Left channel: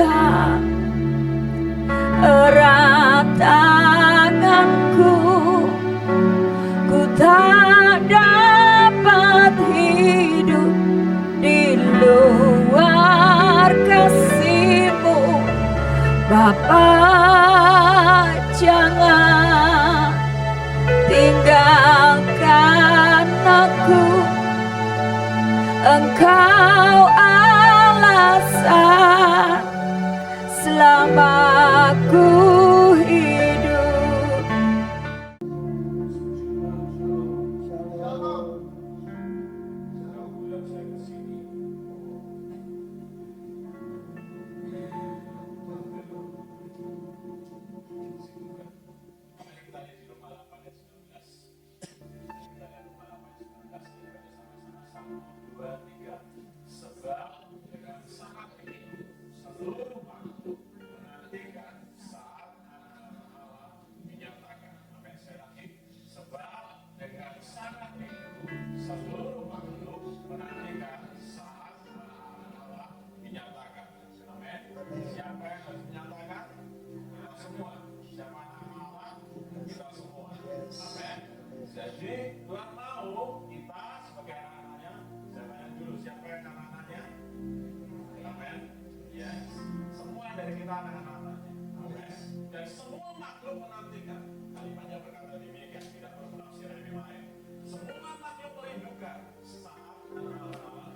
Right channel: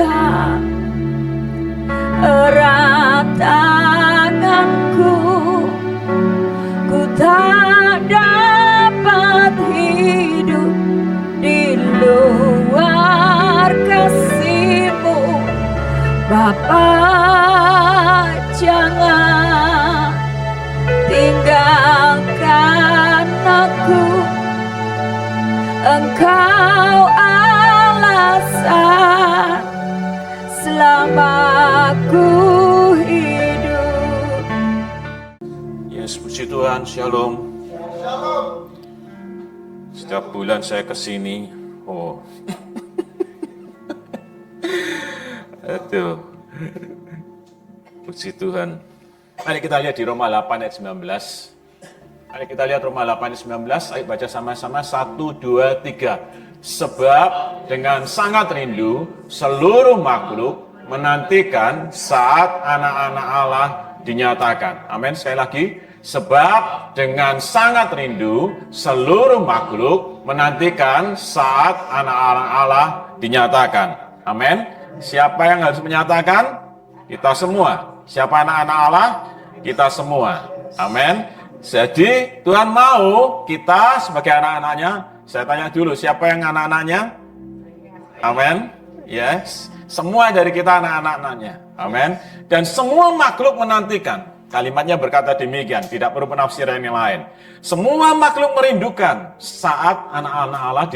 pegang erat tanganku, ku tak dapat hidup di luar kasih-Mu. Bapa, jangan tinggalkan aku, Engkau alasan selama aku hidup. Yes, puji Tuhan, shalom. Setiap bulan saya kesini, aduh, puji Tuhan. Mari kita lihat di Roma 8 ayat 19. Mari kita lihat Roma 8 ayat 19, ayo baca sama-sama, 1, 2, 3. Sebab dengan sangat rindu seluruh makhluk menantikan saat anak-anak Allah dinyatakan. Amin, sekali lagi. Sebab dengan sangat rindu seluruh makhluk menantikan saat anak-anak Allah dinyatakan. Amin. Siapa yang harus menyatakan? Kita semua. Siapa anak-anak Allah? Kita semua. Amin. Jadi Tuhan mau kita sebagai anak-anaknya. Saya tanya dulu, siapa yang anak-anaknya? Amin. Yes. Semua dari kita anak-anaknya. Amin. Dan semua makhluk menantikan. Kalimatnya berkata demikian, tidak perlu penafsiran yang lain. Semua makhluk merindukan saat anak-anak Allah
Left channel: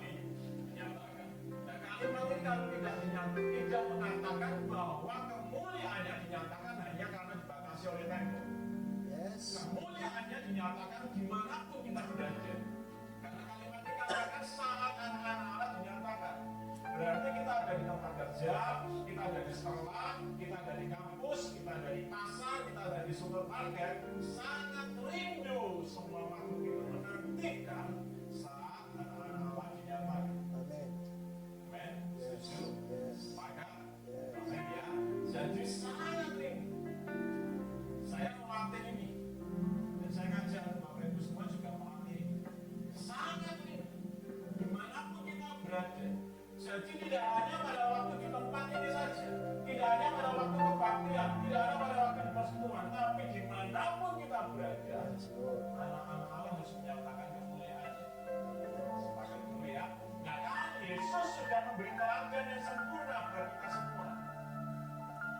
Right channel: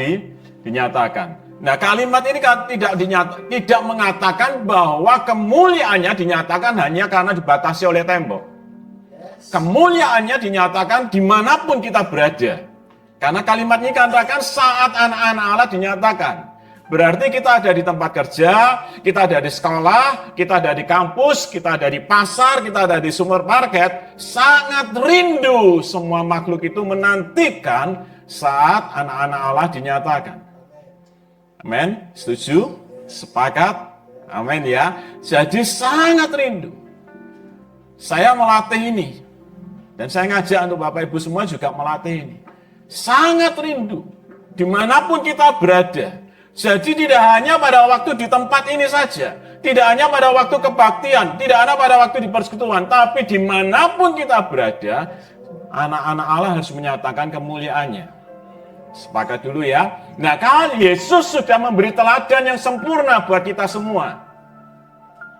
dinyatakan. Nah, kalimat ini kan tidak mengatakan bahwa kemuliaannya dinyatakan hanya karena dibatasi oleh tembok. Kemuliaannya dinyatakan dimanapun kita berada. Karena kalimat ini katakan saat anak-anak Allah dinyatakan. Berarti kita ada di tempat kerja, kita ada di sekolah, kita ada di kampus, kita ada di pasar, kita ada di supermarket. Sangat rindu semua makhluk itu menantikan saat anak-anak Allah dinyatakan. Amin? Setuju? Sepakat? Amin ya. Jadi sangat rindu. Saya melatih ini. Dan saya ngajak untuk Bapak Ibu semua juga melatih ini. Sangat rindu. Dimanapun kita berada. Jadi tidak hanya pada waktu di tempat ini saja. Tidak hanya pada waktu kebaktian. Tidak hanya pada waktu di persekutuan. Tapi dimanapun kita berada. Anak-anak Allah harus menyatakan kemuliaannya. Sepakat dulu ya. Nah, kalau Yesus sudah memberi teladan yang sempurna buat kita semua.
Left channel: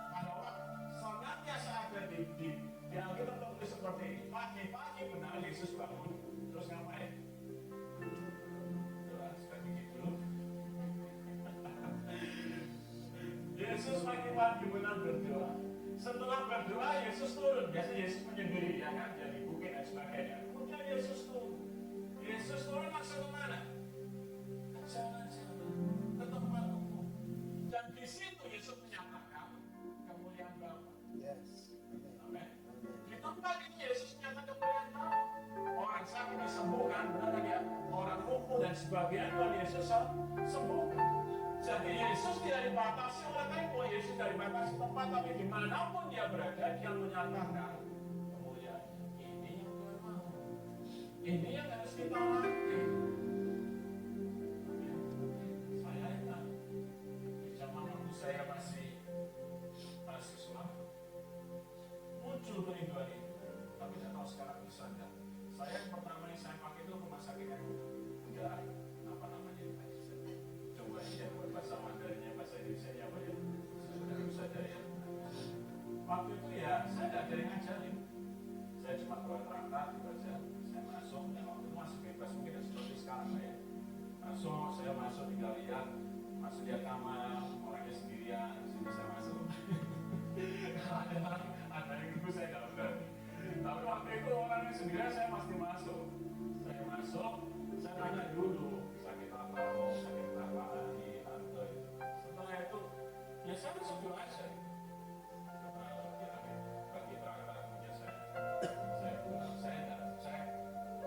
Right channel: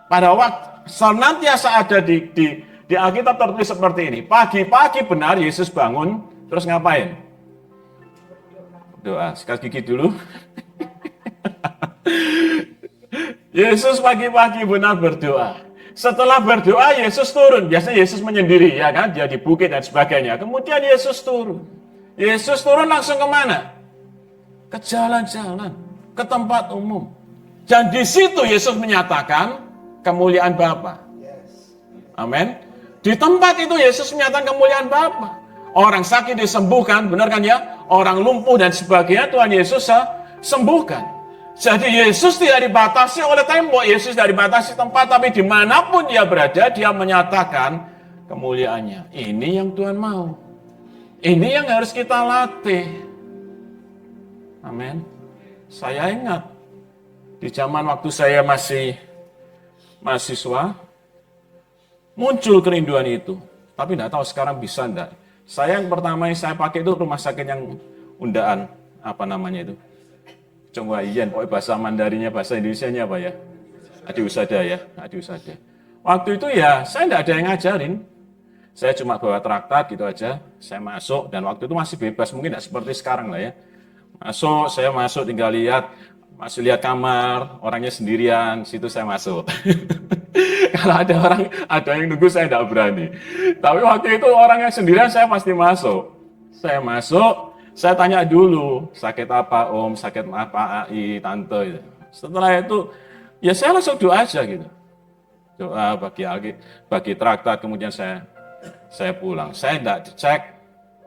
Pada waktu senantiasa ada di Alkitab tertulis seperti ini. Pagi-pagi benar Yesus bangun, terus ngapain? Doa. Sikat gigi dulu. Yesus pagi-pagi benar berdoa. Setelah berdoa Yesus turun. Biasanya Yesus menyendiri, ya kan? Dia di bukit dan sebagainya. Kemudian Yesus turun. Yesus turun langsung kemana? Ke jalan-jalan, ke tempat umum. Dan di situ Yesus menyatakan kemuliaan Bapa. Amin. Di tempat itu Yesus menyatakan kemuliaan Bapa. Orang sakit disembuhkan, benar kan ya? Orang lumpuh dan sebagainya Tuhan Yesus sembuhkan. Jadi Yesus tidak dibatasi oleh tembok, Yesus tidak dibatasi tempat, tapi dimanapun dia berada, dia menyatakan kemuliaannya. Ini yang Tuhan mau. Ini yang harus kita latih. Amin. Saya ingat, di zaman waktu saya masih mahasiswa, muncul kerinduan itu. Tapi tidak tahu sekarang bisa enggak. Saya yang pertama yang saya pakai itu rumah sakit yang undaan. Apa namanya itu? Coba Iyan, bahasa Mandarinya, bahasa Indonesianya apa ya? Adi Usada ya, Adi Usada. Waktu itu ya, saya tidak ada yang ngajarin. Saya cuma bawa traktat gitu aja. Saya masuk, dan waktu itu masih bebas. Mungkin tidak seperti sekarang lah ya. Saya masuk tinggal lihat. Masih lihat kamar, orangnya sendirian, situ saya masuk. Kalau ada yang nunggu saya tidak berani. Tapi waktu itu orang yang sendirian saya pasti masuk. Saya masuk, saya tanya dulu, sakit apa om, sakit apa ai, tante. Setelah itu, ya saya langsung doa aja gitu. Doa bagi traktat, kemudian saya pulang. Saya tidak cek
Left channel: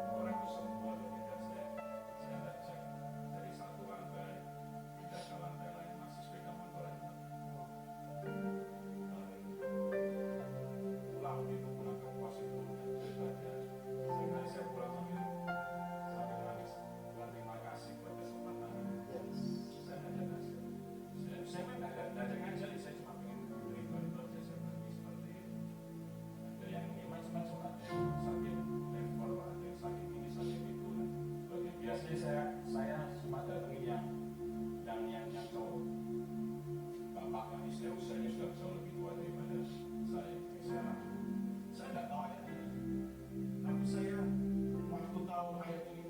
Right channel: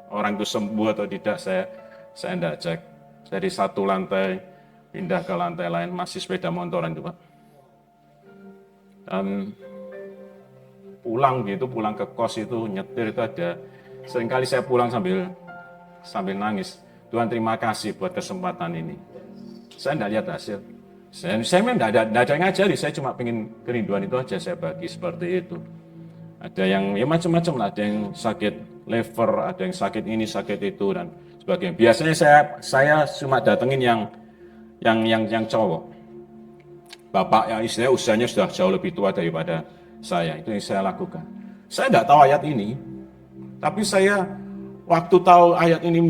orang itu sembuh atau tidak, saya tidak cek. Dari satu lantai, pindah ke lantai lain, masih sepeda motoran itu Pak. Dan pulang ke kos itu, nyetir itu ada. Seringkali saya pulang sambil nangis. Tuhan terima kasih buat kesempatan ini. Saya tidak lihat hasil. Saya memang tidak ada yang ngajari, saya cuma pengen kerinduan itu aja saya bagi seperti itu. Ada yang ya macam-macam lah, ada yang sakit liver, ada yang sakit ini, sakit itu dan sebagainya. Biasanya saya cuma datengin yang cowok. Bapak yang istilahnya usianya sudah jauh lebih tua daripada saya, itu yang saya lakukan. Saya tidak tahu ayat ini, tapi saya waktu tahu ayat ini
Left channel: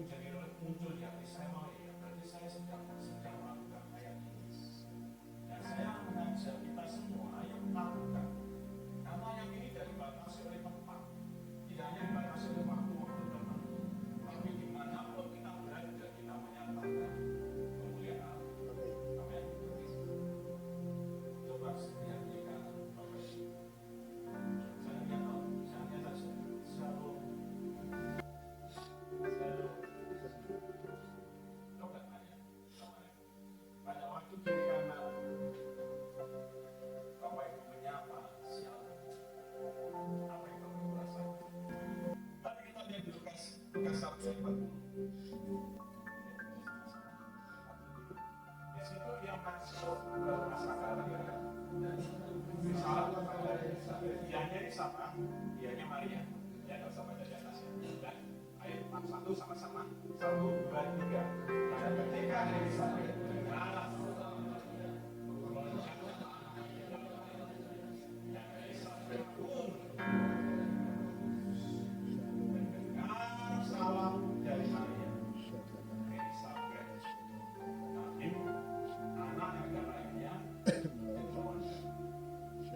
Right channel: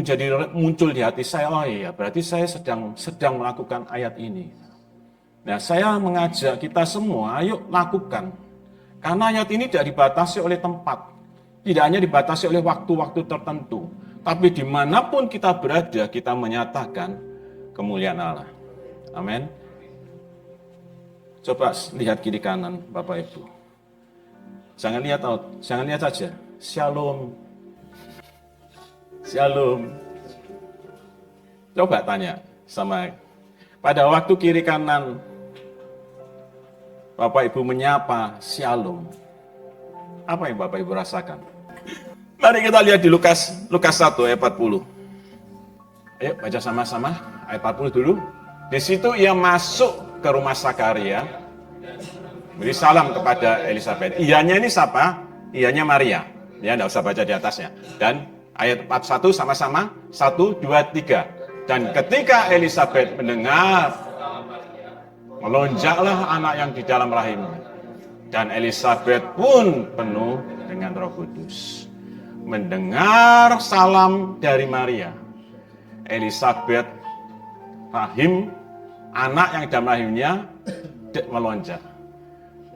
muncul di hati saya, oh iya berarti saya sedang melakukan ayat ini. Nah, saya mengajak kita semua, ayo lakukan. Karena ayat ini tidak dibatasi oleh tempat, tidak hanya dibatasi oleh waktu-waktu tertentu, tapi dimanapun kita berada, kita menyatakan kemuliaan Allah. Amin. Coba lihat kiri kanan Bapak Ibu. Jangan lihat saja. Shalom. Shalom. Coba tanya sama pada waktu kiri kanan Bapak Ibu menyapa Shalom. Apa yang Bapak Ibu rasakan? Mari kita lihat di Lukas 1 ayat 40. Ayo baca sama-sama ayat 40 dulu. Di situ ia masuk ke rumah Sakaria, beri salam kepada Elisabet. Iyanya ini siapa? Iyanya Maria. Ya, enggak usah baca di atasnya. Dan ayat 41 sama-sama 1, 2, 3. Dan ketika Elisabet mendengar, melonjaklah anak yang di dalam rahimnya. Dan Elisabet pun penuh dengan Roh Kudus. Mendengar salam dari Maria, Elisabet rahim, anak yang dalam rahimnya melonjak.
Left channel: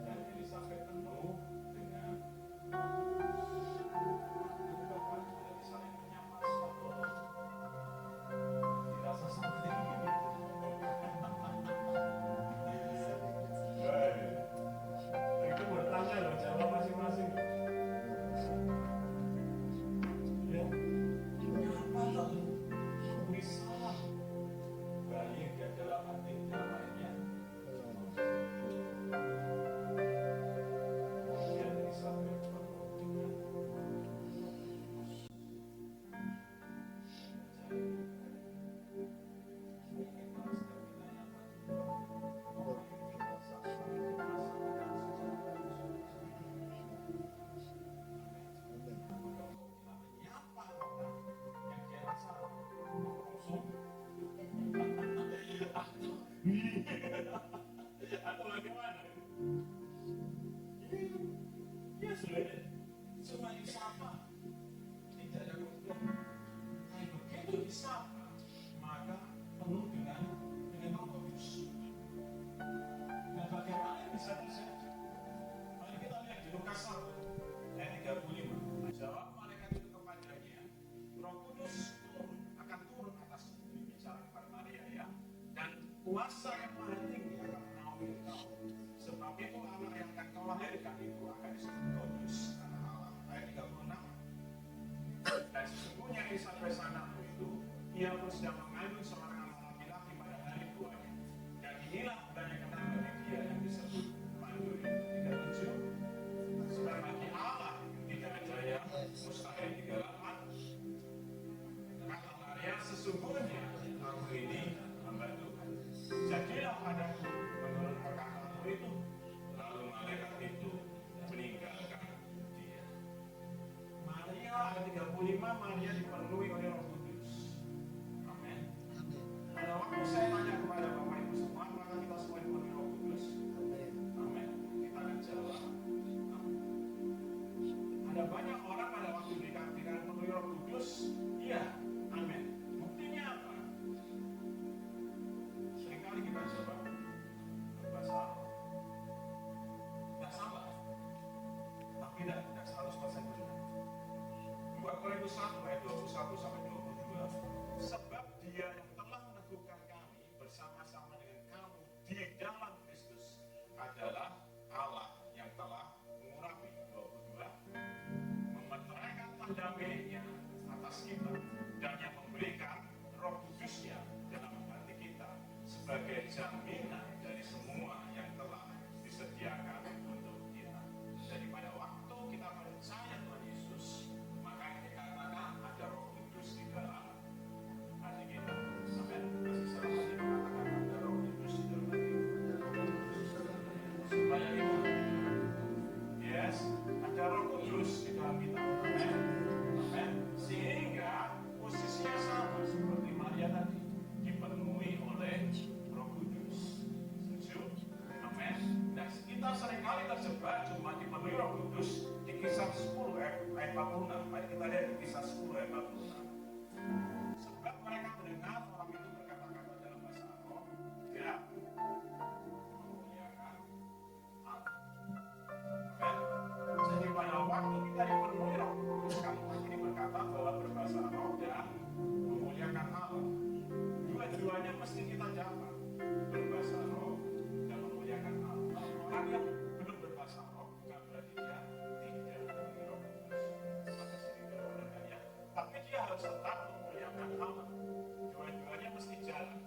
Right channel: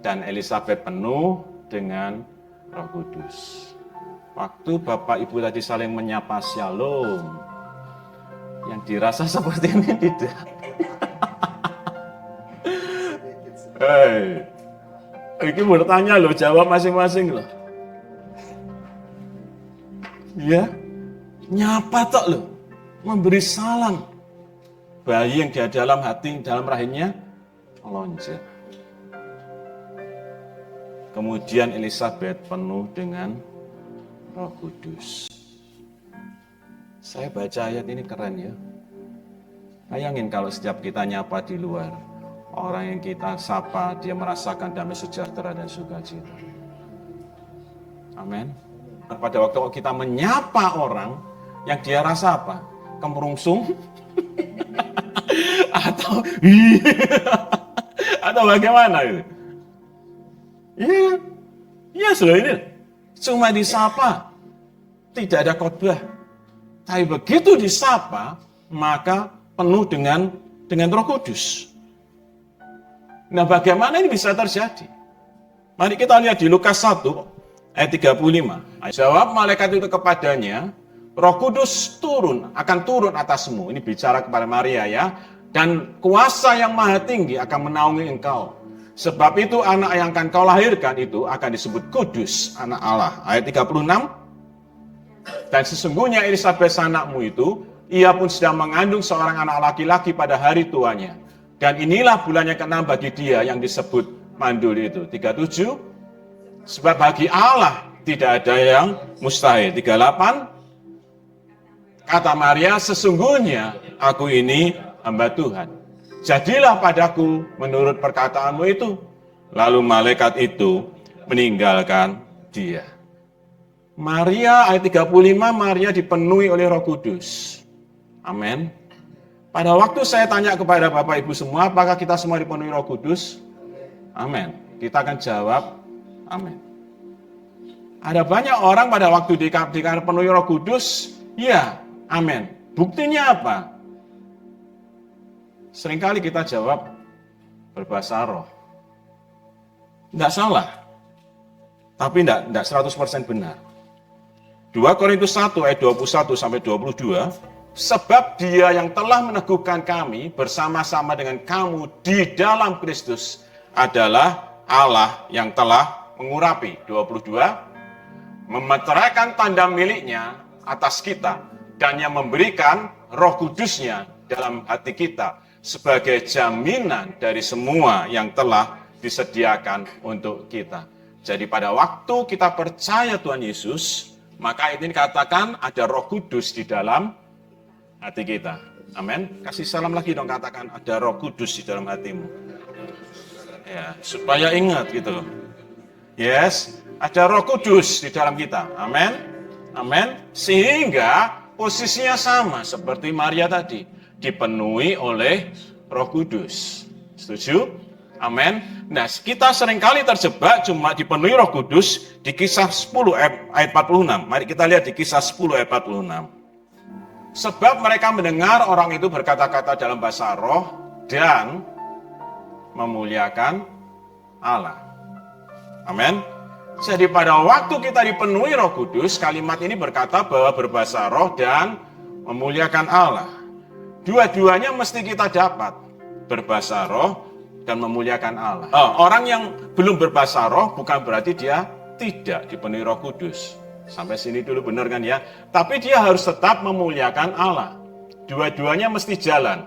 Dan Elisabet penuh dengan Roh Kudus. Waktu Bapak Ibu tadi saling menyapa Shalom, yang dirasa seperti ini tidak. Hei, ini bertanya loh, jawab masing-masing loh. Ya, nyapa tok loh, memberi salam. Bayi yang di dalam hati, dalam rahimnya, melonjak. Kemudian Elisabet penuh dengan Roh Kudus. Saya baca ayat ini keren ya. Bayangin kalau setiap kita nyapa di luar, orang yang kita sapa, dia merasakan damai sejahtera dan sukacita. Amin. Pada waktu kita menyapa orang, yang dia rasa apa? Kemerungsung? atau bagaimana itu? Iya, sudah ini. Cuma disapa, tidak ada khotbah. Tapi begitu disapa, maka penuh dengan Roh Kudus. Nah, bagaimana ini bisa terjadi? Mari kita lihat di Lukas 1 ayat 35. Jawab malaikat itu kepadanya, Roh Kudus akan turun atasmu. Ini bicara kepada Maria ya. Dan kuasa yang maha tinggi akan menaungi engkau. Sebab itu anak yang akan kau lahirkan itu akan disebut kudus, anak Allah. Ayat 36. Dan sesungguhnya Elisabet anakmu itu, ia pun sedang mengandung seorang anak laki-laki pada hari tuanya. Dan inilah bulan yang ke-6 bagi dia yang disebut mandul itu. 37. Sebab bagi Allah tidak ada yang mustahil. 38. Kata Maria, sesungguhnya aku ini hamba Tuhan. Jadilah padaku menurut perkataanmu itu. Lalu malaikat itu meninggalkan dia. Maria ayat 35, Maria dipenuhi oleh Roh Kudus. Amin. Pada waktu saya tanya kepada Bapak Ibu semua, apakah kita semua dipenuhi Roh Kudus? Amin. Kita akan jawab, amin. Ada banyak orang pada waktu dipenuhi Roh Kudus, ya, amin. Buktinya apa? Seringkali kita jawab berbahasa roh. Tidak salah, tapi tidak 100% benar. 2 Korintus 1 ayat 21 sampai 22, sebab dia yang telah meneguhkan kami bersama-sama dengan kamu di dalam Kristus adalah Allah yang telah mengurapi. 22, memeteraikan tanda miliknya atas kita dan yang memberikan Roh Kudusnya dalam hati kita sebagai jaminan dari semua yang telah disediakan untuk kita. Jadi pada waktu kita percaya Tuhan Yesus, maka ini dikatakan ada Roh Kudus di dalam hati kita. Amin. Kasih salam lagi dong, katakan ada Roh Kudus di dalam hatimu. Ya, supaya ingat gitu. Yes, ada Roh Kudus di dalam kita. Amin. Amin. Sehingga posisinya sama seperti Maria tadi, dipenuhi oleh Roh Kudus. Setuju? Amin. Nah, kita seringkali terjebak cuma dipenuhi Roh Kudus di Kisah 10 ayat 46. Mari kita lihat di Kisah 10 ayat 46. Sebab mereka mendengar orang itu berkata-kata dalam bahasa roh dan memuliakan Allah. Amin. Jadi pada waktu kita dipenuhi Roh Kudus, kalimat ini berkata bahwa berbahasa roh dan memuliakan Allah. Dua-duanya mesti kita dapat, berbahasa roh dan memuliakan Allah. Orang yang belum berbahasa roh bukan berarti dia tidak dipenuhi Roh Kudus. Sampai sini dulu benar kan ya? Tapi dia harus tetap memuliakan Allah. Dua-duanya mesti jalan.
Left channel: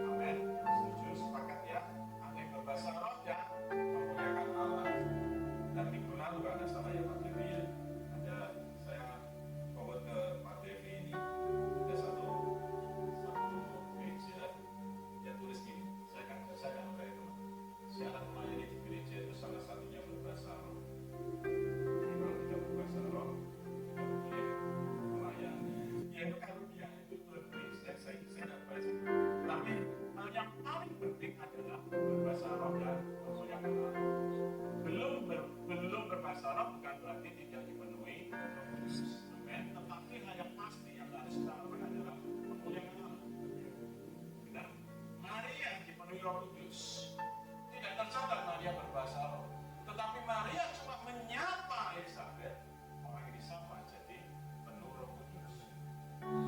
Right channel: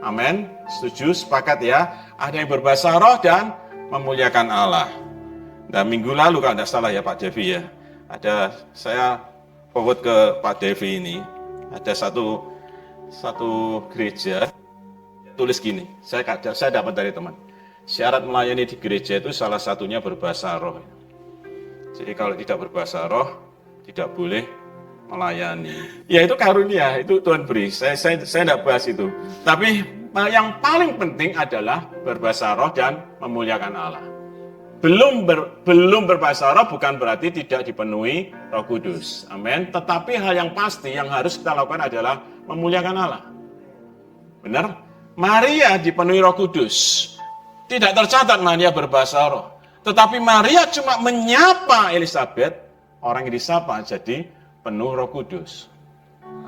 Amin. Setuju? Sepakat ya? Ada yang berbahasa roh dan memuliakan Allah. Nah, minggu lalu kalau tidak salah ya Pak Devi ya, saya forward ke Pak Devi ini, ada satu gereja tulis gini, saya dapat dari teman, syarat melayani di gereja itu salah satunya berbahasa roh. Jadi kalau tidak berbahasa roh tidak boleh melayani. Ya itu karunia, itu Tuhan beri. Saya tidak bahas itu. Tapi yang paling penting adalah berbahasa roh dan memuliakan Allah. Belum berbahasa roh bukan berarti tidak dipenuhi Roh Kudus. Amin. Tetapi hal yang pasti yang harus kita lakukan adalah memuliakan Allah. Benar? Maria dipenuhi Roh Kudus. Tidak tercatat Maria berbahasa roh. Tetapi Maria cuma menyapa Elizabeth, orang yang disapa jadi penuh Roh Kudus.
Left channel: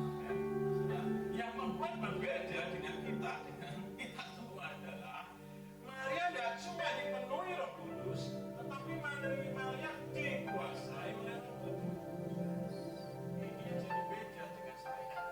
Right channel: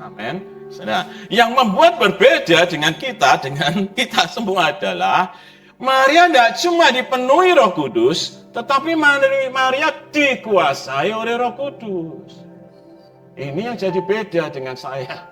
Amin. Nah, yang membuat berbeda dengan kita semua adalah Maria tidak cuma dipenuhi Roh Kudus, tetapi Maria dikuasai oleh Roh Kudus. Ini yang jadi beda dengan saya.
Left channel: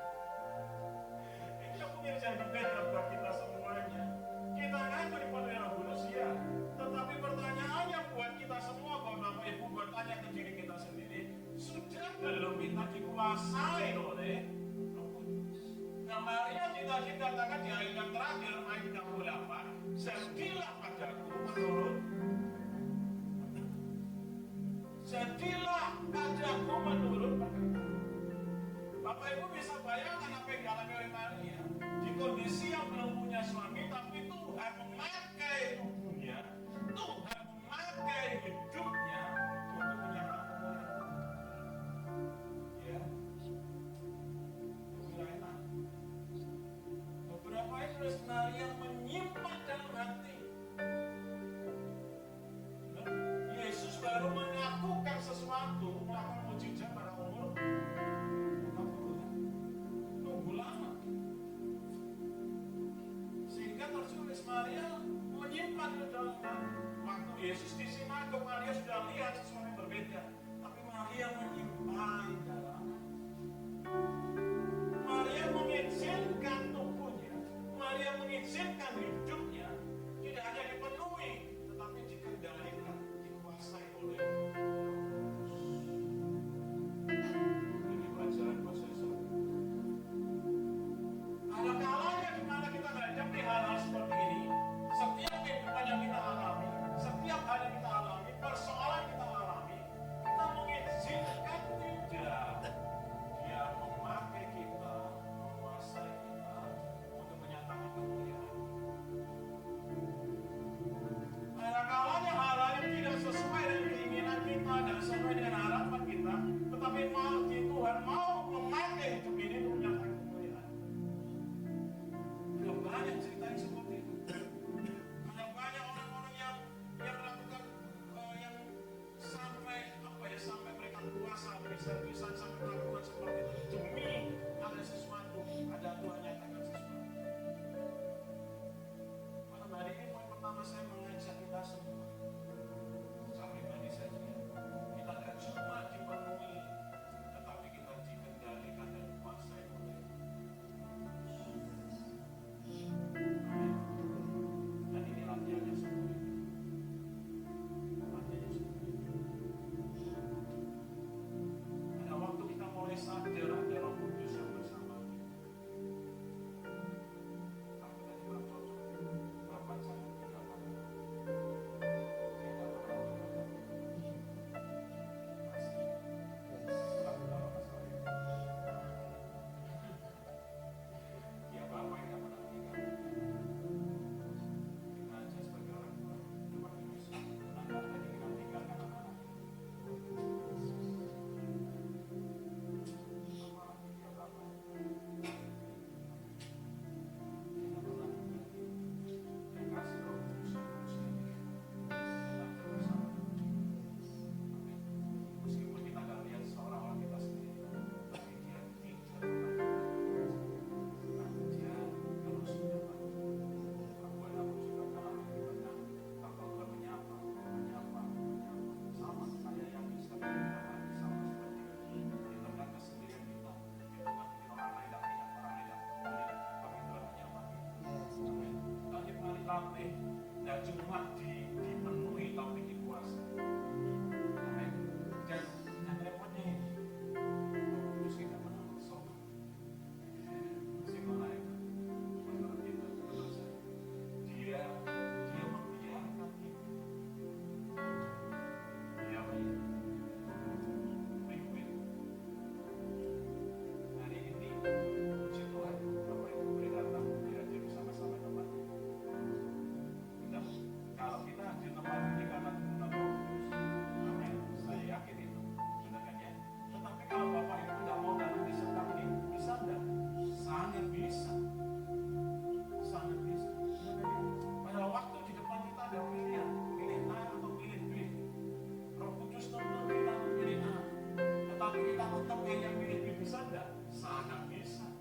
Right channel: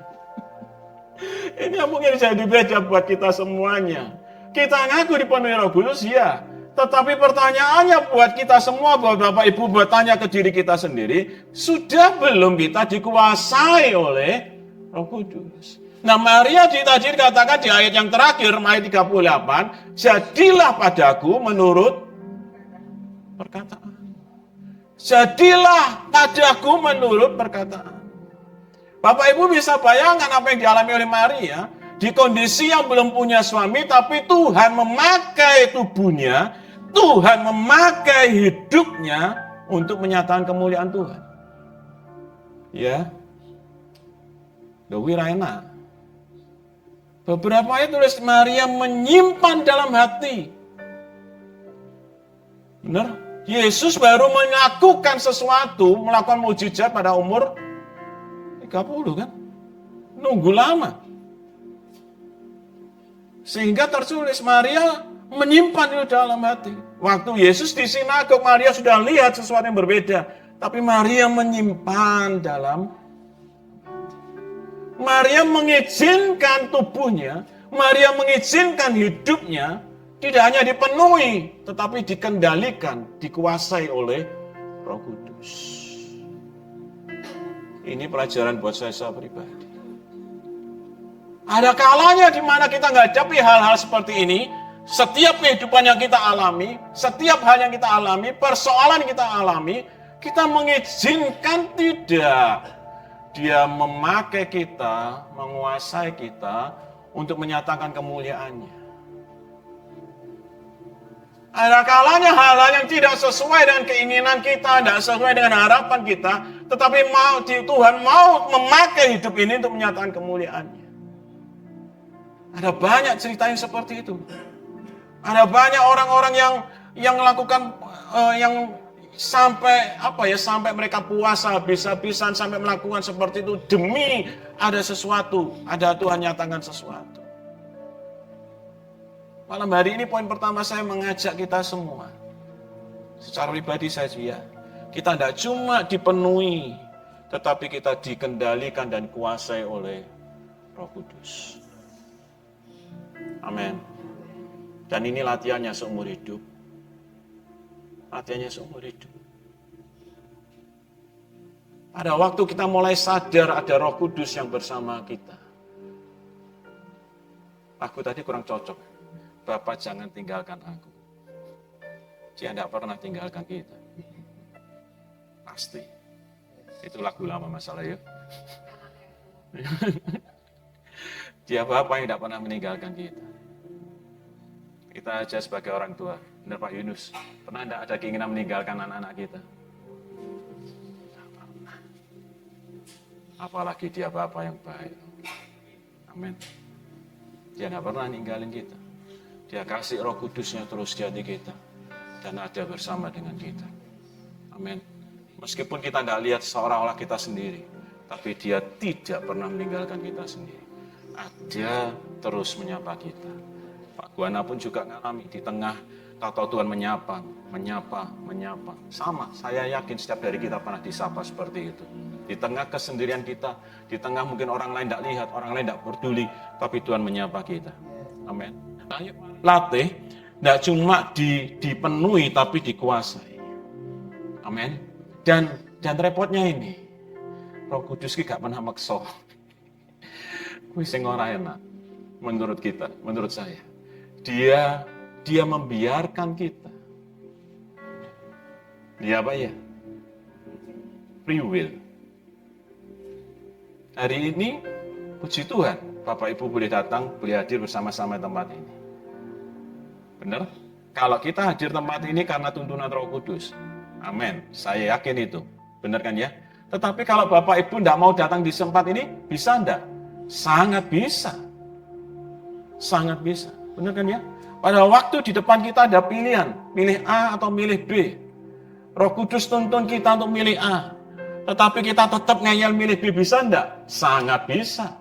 Ini yang mungkin jadi beda buat kita semuanya. Kita ngaku dipenuhi Roh Kudus, ya. Tetapi pertanyaannya buat kita semua, buat Bapak Ibu, bertanya ke diri kita sendiri, sudah belum kita dikuasai oleh Roh Kudus? Nah, Maria tadi dikatakan di ayat yang terakhir, ayat 38, jadilah padaku menurut perkataan. Jadilah padaku menurut perkataan. Bapak Ibu bisa bayangkan apa yang dialami oleh Maria, di kondisi yang belum punya suami, tapi Tuhan memakai tubuhnya, Tuhan memakai hidupnya untuk menyatakan kemuliaan Tuhan. Ya, Dewi Raina. Beberapa ayat tulis Maria menyimpan dalam hati. Benar? Yesus baru melakukan sesuatu, melakukan mujizat pada umur 30 kan? Nunggu lama. Sehingga tertulis Maria menyimpan itu dalam hati. Waktu Yesus di sinagog, Maria sudah lihat sesuatu yang berbeda. Tapi Maria menyimpan dalam. Maria mengizinkan tubuhnya, Maria mengizinkan hidupnya, tidak hanya dipenuhi, tetapi dikendalikan, dikuasai oleh Roh Kudus. Ini pelajaran buat saya pribadi. Ada kalanya di mana kita menghadapi hal-hal seperti ini. Setiap kehidupan yang kita alami, setiap hal yang kita alami, persoalan yang kita alami, kita mengizinkan tidak Dia memakai kita, menguasai kita untuk menyatakan kemuliaannya. Ada kalanya hal-hal yang tidak sesuai dengan keinginan kita, tidak sesuai dengan harapan kita, tetapi Tuhan mau memakai hidup ini untuk menyatakan kemuliaannya. Ada banyak cerita yang seperti itu. Ada banyak orang-orang yang melakukan yang sampai mereka puasa habis-habisan, sampai melakukan seperti itu demi ada sesuatu, ada Tuhan nyatakan sesuatu. Malam hari ini poin pertama saya mengajak kita semua, secara pribadi saja, kita tidak cuma dipenuhi, tetapi kita dikendalikan dan kuasai oleh Roh Kudus. Amin. Dan ini latihannya seumur hidup. Latihannya seumur hidup. Pada waktu kita mulai sadar ada Roh Kudus yang bersama kita. Aku tadi kurang cocok. Bapak jangan tinggalkan aku. Dia tidak pernah tinggalkan kita. Pasti. Itu lagu lama masalah ya. Dia Bapak yang tidak pernah meninggalkan kita. Kita aja sebagai orang tua. Benar Pak Yunus. Pernah tidak ada keinginan meninggalkan anak-anak kita? Apalagi dia Bapa yang baik. Amin. Dia tidak pernah ninggalin kita. Dia kasih Roh Kudusnya terus di hati kita. Dan ada bersama dengan kita. Amin. Meskipun kita tidak lihat seolah-olah kita sendiri. Tapi dia tidak pernah meninggalkan kita sendiri. Dia terus menyapa kita. Pak Guana pun juga ngalami di tengah tahu Tuhan menyapa. Sama, saya yakin setiap hari kita pernah disapa seperti itu. Di tengah kesendirian kita, di tengah mungkin orang lain tidak lihat, orang lain tidak peduli, tapi Tuhan menyapa kita. Amin. Ayo latih, tidak cuma dipenuhi, tapi dikuasai. Amin. Dan repotnya ini, Roh Kudus ki gak pernah maksa. Wis sing ora enak menurut kita, menurut saya. Dia membiarkan kita. Dia apa ya? Free will. Hari ini puji Tuhan, Bapak Ibu boleh datang, boleh hadir bersama-sama tempat ini. Benar? Kalau kita hadir tempat ini karena tuntunan Roh Kudus. Amin. Saya yakin itu. Benar kan ya? Tetapi kalau Bapak Ibu tidak mau datang di tempat ini, bisa enggak? Sangat bisa. Sangat bisa. Benar kan ya? Pada waktu di depan kita ada pilihan. Milih A atau milih B. Roh Kudus tuntun kita untuk milih A. Tetapi kita tetap ngeyel milih B, bisa enggak? Sangat bisa.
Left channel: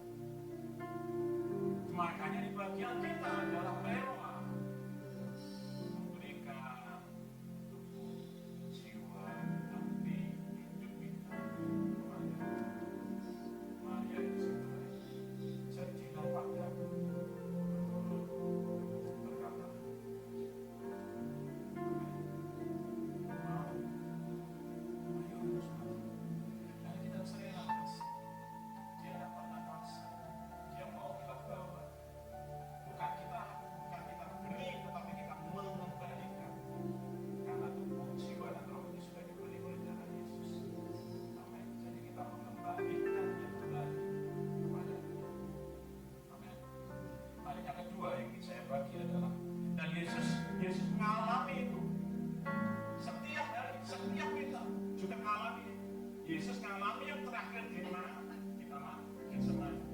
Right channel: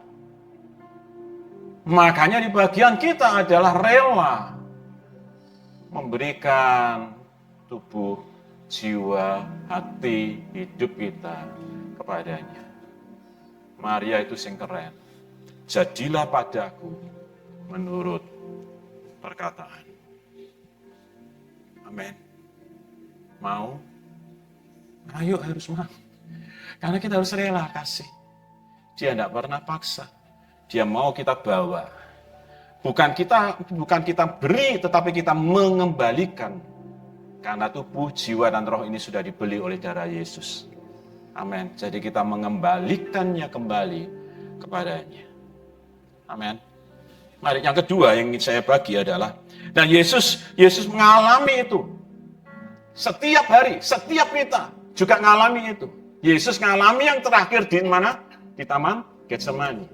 Makanya di bagian kita adalah rela. Memberikan tubuh, jiwa, hati, hidup kita kepadanya. Maria itu sing keren. Jadilah padaku menurut perkataan. Amin. Mau? Ayo harus mau. Karena kita harus rela kasih. Dia tidak pernah paksa. Dia mau kita bawa. Bukan kita beri, tetapi kita mengembalikan. Karena tubuh, jiwa, dan roh ini sudah dibeli oleh darah Yesus. Amin. Jadi kita mengembalikannya kembali kepadanya. Amin. Mari yang kedua yang ingin saya bagi adalah, dan Yesus mengalami itu. Setiap hari, setiap kita juga mengalami itu. Yesus mengalami yang terakhir di mana? Di Taman Getsemani.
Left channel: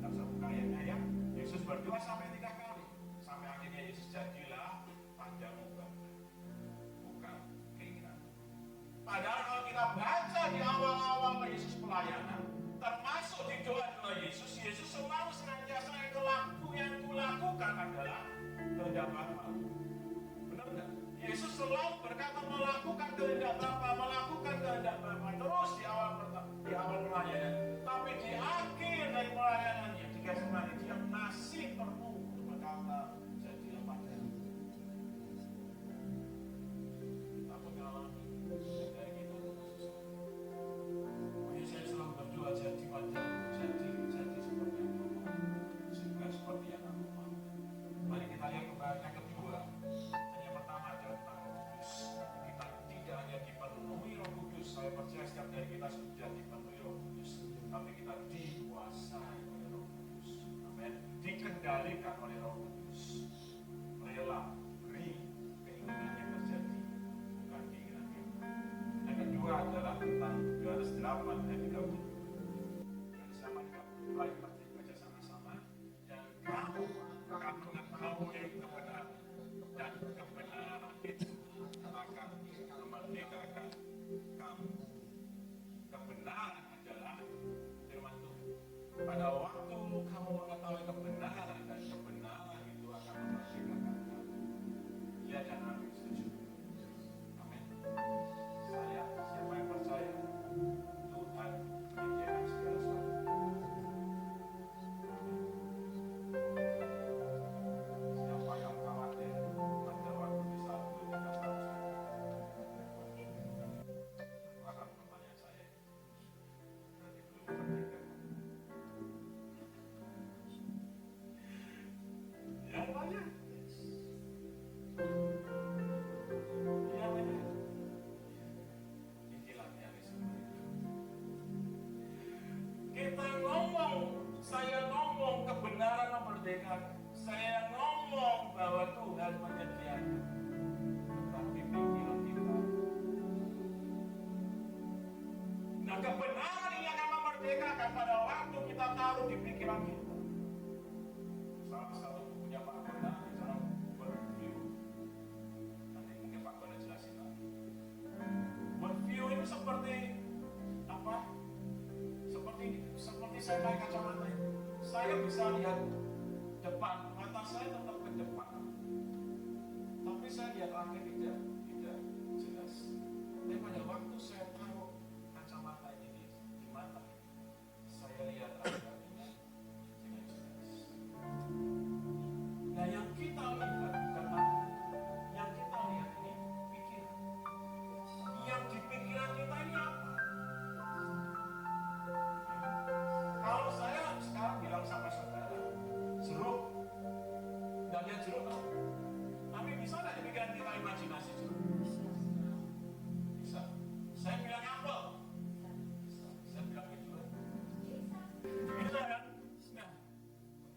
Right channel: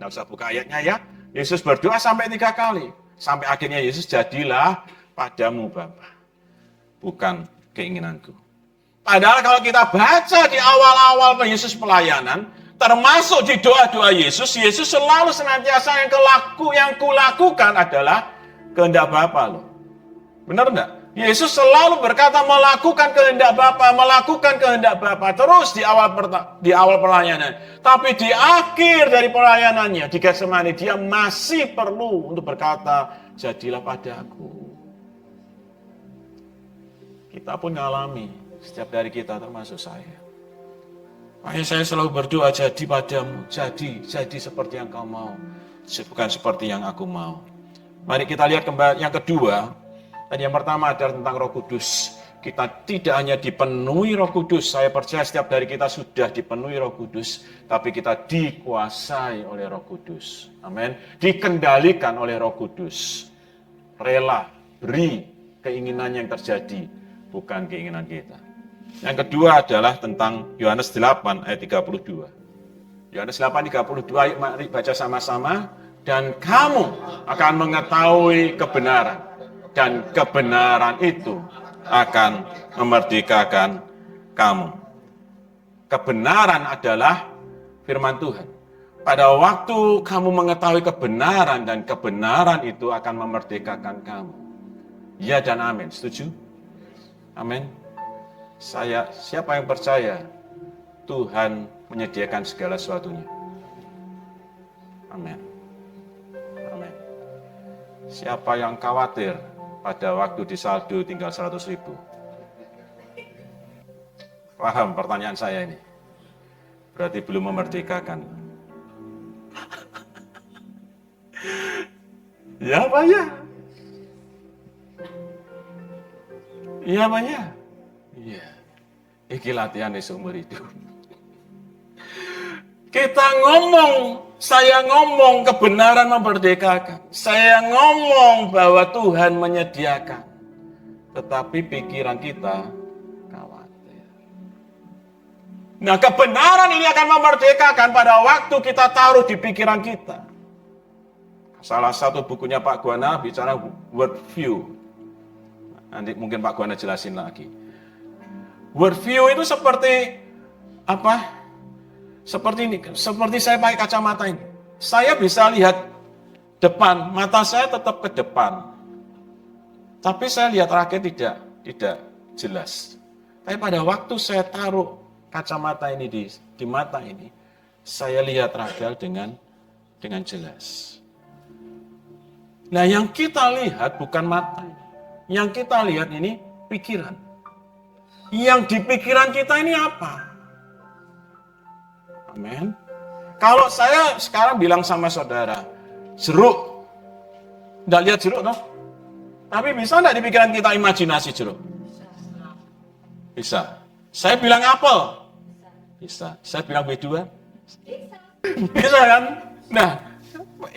Tidak usah buka ayatnya ya. Yesus berdoa sampai 3 kali. Sampai akhirnya Yesus, jadilah padamu Bapa. Bukan keinginanku. Padahal kalau kita baca di awal-awal Yesus pelayanan, termasuk di doa-doa Yesus selalu senantiasa yang kulakukan adalah kehendak Bapa loh. Benar enggak? Yesus selalu berkata melakukan kehendak Bapa terus di awal pelayanan. Tapi di akhir dari pelayanannya di Getsemani dia masih perlu untuk berkata, jadilah padaku. Kita pun mengalami setiap dari kita termasuk saya. Makanya saya selalu berdoa, jadi padamu, jadi seperti yang kau mau, bukan seperti yang aku mau. Mari kita lihat kembali yang kedua. Dan yang pertama adalah tentang Roh Kudus. Kita tidak hanya dipenuhi Roh Kudus, saya percaya setiap dari kita sudah dipenuhi Roh Kudus, tapi kita dikuasai oleh Roh Kudus. Amin. Dikendalikan oleh Roh Kudus. Rela, beri keinginan yang terjadi, bukan keinginan kita. Yang kedua adalah tentang Yohanes 8 ayat 32. Yohanes 8 32, ayat mari baca sama-sama. Dan kamu akan mengetahui kebenaran. Dan kebenaran itu akan memerdekakan kamu. Kebenaran adalah firman Tuhan. Pada waktu kamu mengetahui kebenaran dan kebenaran itu akan memerdekakan kamu. Ya dan amin, setuju? Amin. Siapa yang percaya Tuhan menyediakan segala sesuatunya? Amin. Amin. Siapa yang khawatir pada waktu di saldo tinggal 100.000? Paham pertanyaan saya ini? Berarti belum memerdekakan. Ya Pak ya. Iya Pak ya. Iya. Iki latihan seumur hidup. Kita ngomong, saya ngomong kebenaran memerdekakan. Saya ngomong bahwa Tuhan menyediakan. Tetapi pikiran kita khawatir. Nah, kebenaran ini akan memerdekakan pada waktu kita taruh di pikiran kita. Salah satu bukunya Pak Guana bicara worldview. Nanti mungkin Pak Guana jelasin lagi. Worldview itu seperti apa? Seperti ini, seperti saya pakai kacamata ini. Saya bisa lihat depan, mata saya tetap ke depan. Tapi saya lihat rakyat tidak jelas. Tapi pada waktu saya taruh kacamata ini di mata ini, saya lihat rakyat dengan jelas. Nah, yang kita lihat bukan mata. Yang kita lihat ini pikiran. Yang di pikiran kita ini apa? Amin. Kalau saya sekarang bilang sama saudara, jeruk. Nggak lihat jeruk, toh? Tapi bisa nggak di pikiran kita imajinasi jeruk? Bisa. Saya bilang apel? Bisa. Saya bilang B2? Bisa kan? Nah,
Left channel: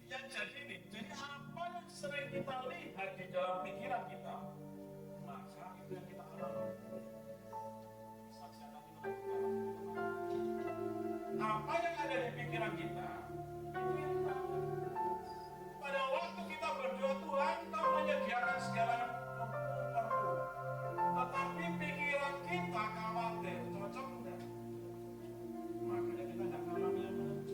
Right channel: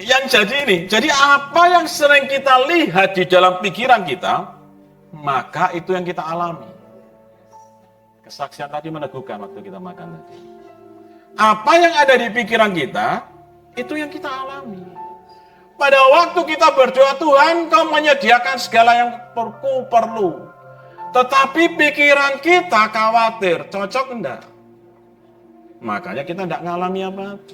yang jadi ini, jadi apa yang sering kita lihat di dalam pikiran kita, maka itu yang kita alami. Kesaksian tadi meneguhkan waktu kita makan tadi. Apa yang ada di pikiran kita, itu yang kita alami. Pada waktu kita berdoa, Tuhan Kau menyediakan segala yang ku perlu. Tetapi pikiran kita khawatir, cocok enggak? Makanya kita enggak ngalami apa-apa.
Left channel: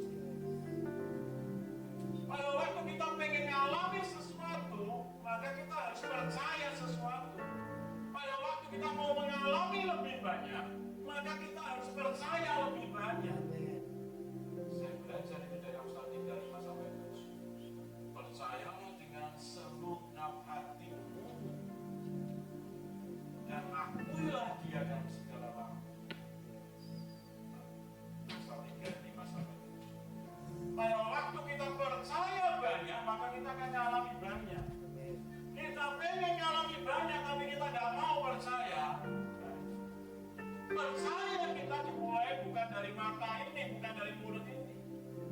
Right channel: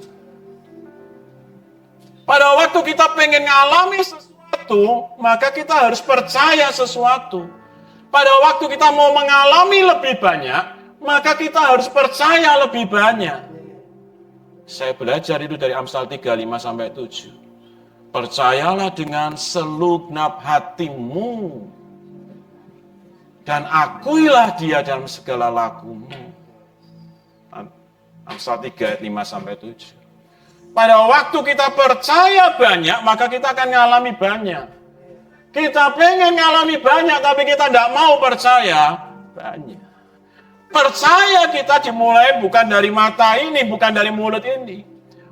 Pada waktu kita pengen ngalami sesuatu, maka kita harus percaya sesuatu. Pada waktu kita mau mengalami lebih banyak, maka kita harus percaya lebih banyak. Saya belajar itu dari Amsal 3:5-7. Percayalah dengan selugnap hatimu, dan akuilah Dia dalam segala lakumu. Amsal 3:5-7. Pada waktu kita percaya banyak, maka kita akan ngalami banyak. Kita pengen ngalami banyak, tapi kita tidak mau percaya banyak. Percaya kita dimulai bukan dari mata ini, bukan dari mulut ini.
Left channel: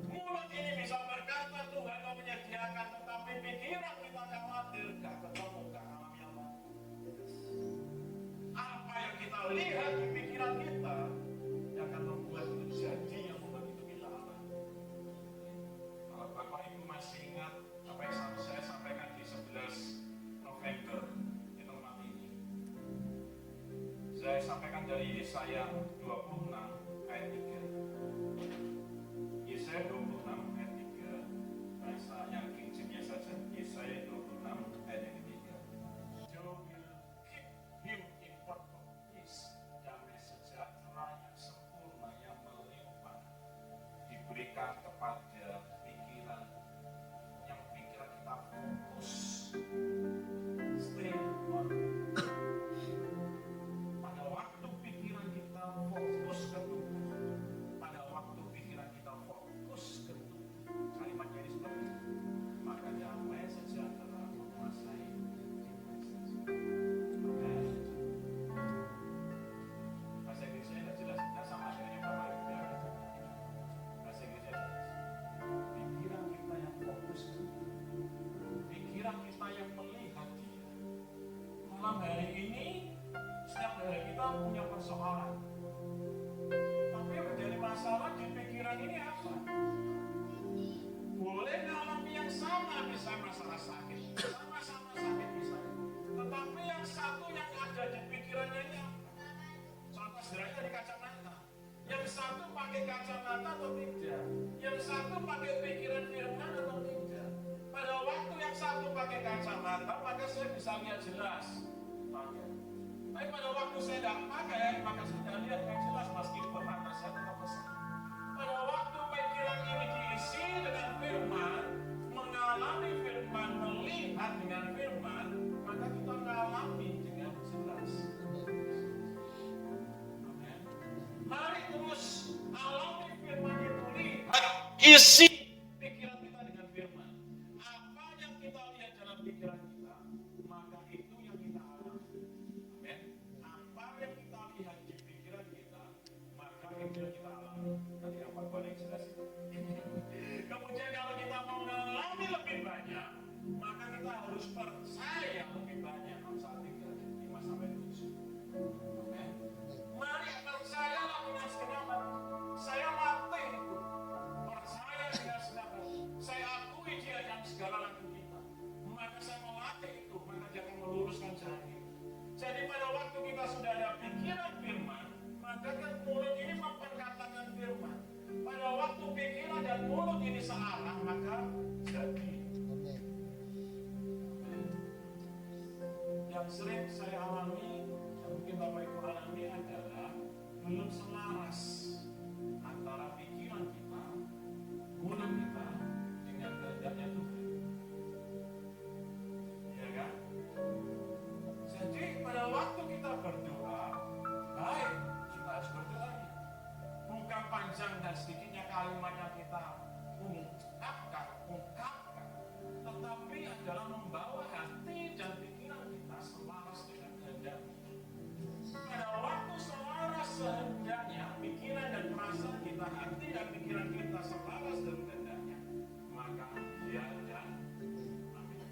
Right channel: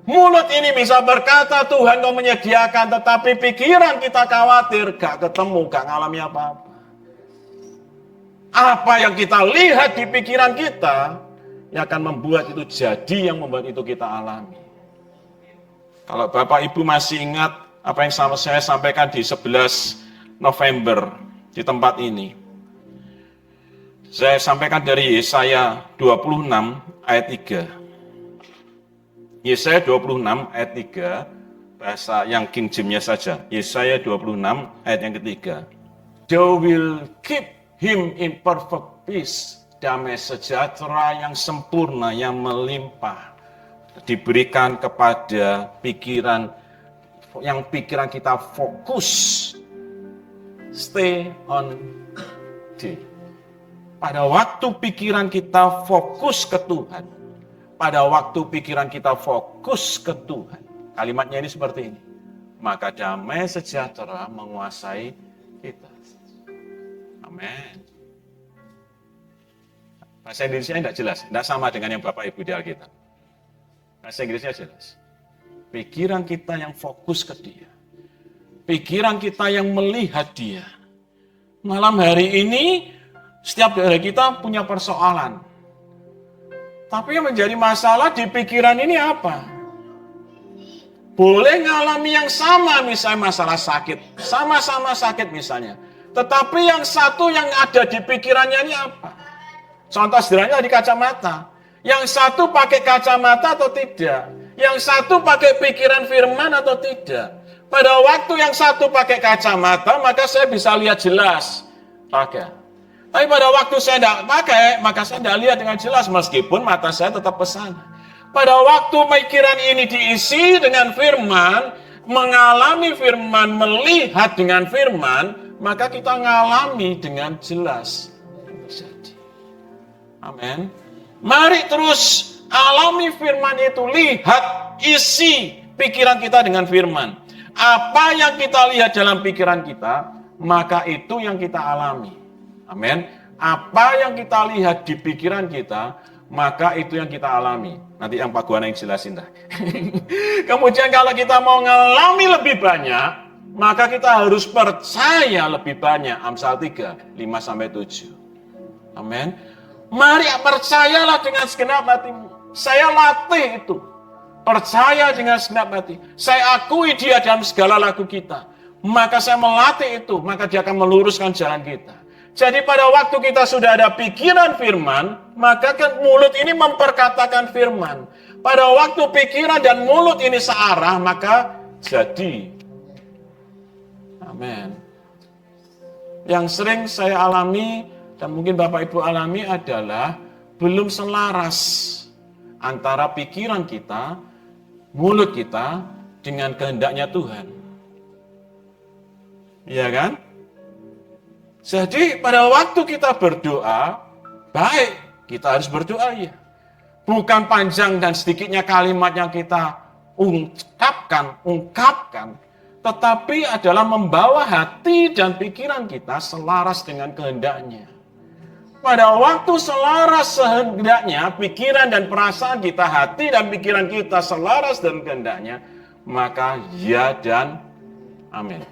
Mulut ini bisa berkata, Tuhan Kau menyediakan, tetapi pikiran kita khawatir, gak ketemu, gak ngalami apa-apa. Apa yang kita lihat di pikiran kita, yang akan membuat itu jadi, yang membuat itu kita alami. Kalau Bapak Ibu masih ingat apa yang saya sampaikan di 11 November di tempat ini. Saya sampaikan dari Yesaya 26 ayat 3. Yesaya 26 ayat 3, bahasa yang King James-nya saja. Yesaya 26 ayat yang ketiga. Thou will keep him in perfect peace. Damai sejahtera yang sempurna, yang melimpah. Diberikan kepada pikiran kita fokus, stay on day. Pada waktu pikiran kita fokus ke Tuhan, pada waktu pikiran kita fokus ke Tuhan, kalimatnya ini seperti ini, maka damai sejahtera menguasai kita. Amin. Bahasa Indonesia tidak jelas, tidak sama dengan yang Bapak Ibu di Alkitab. Bahasa Inggrisnya jelas. Pikiran kita yang fokus ke Dia. Pikiran kita yang melihat Dia. Malam hari ini, setiap dari kita punya persoalan. Tapi yang menjadi masalah di pikiran ini apa? Boleh ngalami yang sama, misalnya masalah sakit. Sama-sama sakit misalnya. Tetapi yang satu yang ada di pikirannya ini apa? Contoh sederhana di kacamata. Yang satu pakai kacamata atau tidak? Yang satu pakai pikiran firman atau tidak? Pada waktu yang satu pakai kacamata, maka saya bisa lihat jelas. Pakai. Tapi pada waktu saya tidak pakai, maka saya tidak lihat dengan jelas, meskipun mata saya tetap pesan. Pada waktu pikiran ini diisi dengan firman, mengalami firman, melihat dengan firman, maka kita mengalami dengan jelas. Amin. Mari terus alami firman itu, lihat isi pikiran kita dengan firman. Apa yang kita lihat dalam pikiran kita, maka itu yang kita alami. Amin. Apa yang kita lihat di pikiran kita, maka itu yang kita alami. Nanti yang Pak Guana yang jelasin dah. Kemudian kalau kita mau mengalami lebih banyak, maka kita harus percaya lebih banyak. Amsal 3, 5-7. Amin. Mari percayalah dengan segenap hatimu. Saya latih itu. Percaya dengan segenap hati. Saya akui dia dalam segala laku kita. Maka saya melatih itu. Maka dia akan meluruskan jalan kita. Jadi pada waktu kita sudah ada pikiran firman, maka kan mulut ini memperkatakan firman. Pada waktu pikiran dan mulut ini searah, maka jadi. Amin. Yang sering saya alami, dan mungkin Bapak Ibu alami adalah belum selaras antara pikiran kita, mulut kita dengan kehendaknya Tuhan. Iya kan? Jadi pada waktu kita berdoa, baik, kita harus berdoa ya. Bukan panjang dan sedikitnya kalimat yang kita ungkapkan, tetapi adalah membawa hati dan pikiran kita selaras dengan kehendaknya. Pada waktu selaras kehendaknya, pikiran dan perasaan kita, hati dan pikiran kita selaras dengan kehendaknya, maka ya dan amin.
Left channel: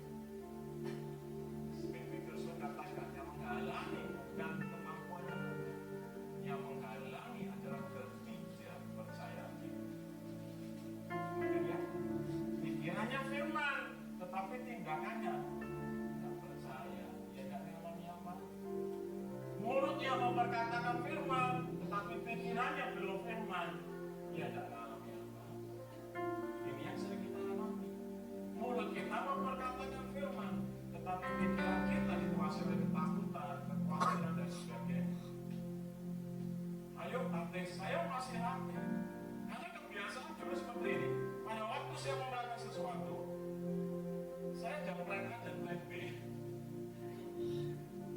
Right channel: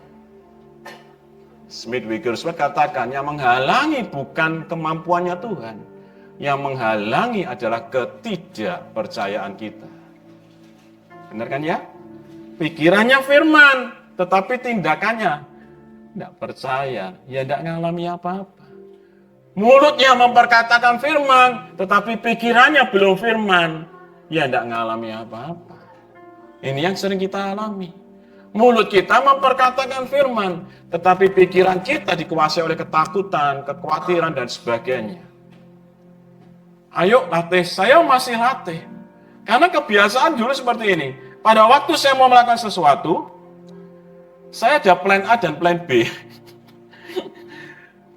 Smith Wigglesworth katakan, yang menghalangi bukan kemampuannya Tuhan, yang menghalangi adalah ketidakpercayaan kita. Benar kan ya? Pikirannya firman, tetapi tindakannya tidak percaya, ya tidak mengalami apa-apa. Mulutnya memperkatakan firman, tetapi pikirannya belum firman, ya tidak mengalami apa-apa. Ini yang sering kita alami. Mulut kita memperkatakan firman, tetapi pikiran kita dikuasai oleh ketakutan, kekhawatiran, dan sebagainya. Ayo latih, saya masih latih. Karena kebiasaan dulu seperti ini. Pada waktu saya mau melakukan sesuatu, saya ada plan A dan plan B.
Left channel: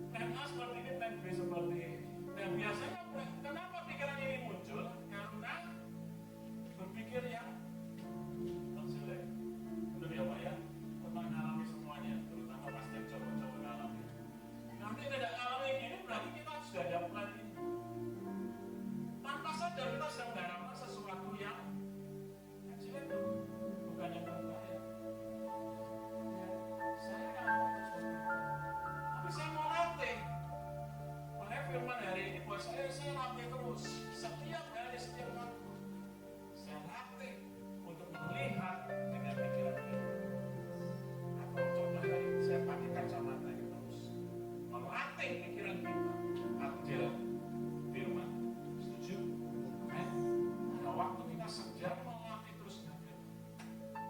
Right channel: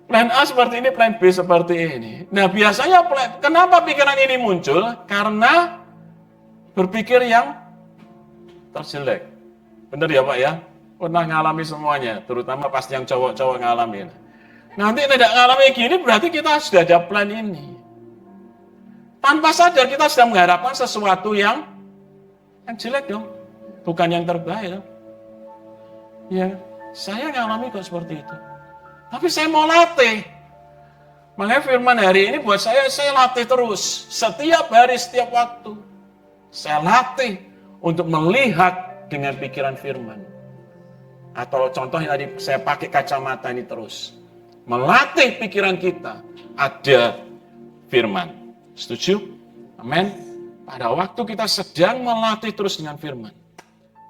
Plan A seperti ini, plan B seperti ini. Nah biasanya kenapa pikiran ini muncul? Karena berpikir yang terjelek. Benar ya Pak ya? Pernah ngalami semuanya, terutama pasti yang cowok-cowok ngalamin. Nanti tidak ngalami gini berarti kita sudah ada plan ini. Tanpa sadar kita sudah mengharapkan sesuatu yang jelek dong. Bukan yang terbaik dong. Ya, saya ngalami kok seperti itu. Tapi saya mau latih. Makanya firman hari ini buat saya latih terus. Setiap hari, setiap waktu. Saya latih untuk melihat dengan pikiran firman. Atau contohnya tadi saya pakai kacamata ini terus. Melatih pikiran kita. Ada firman. Setuju? Amin. Pada waktu kita sedang melatih terus dengan firman.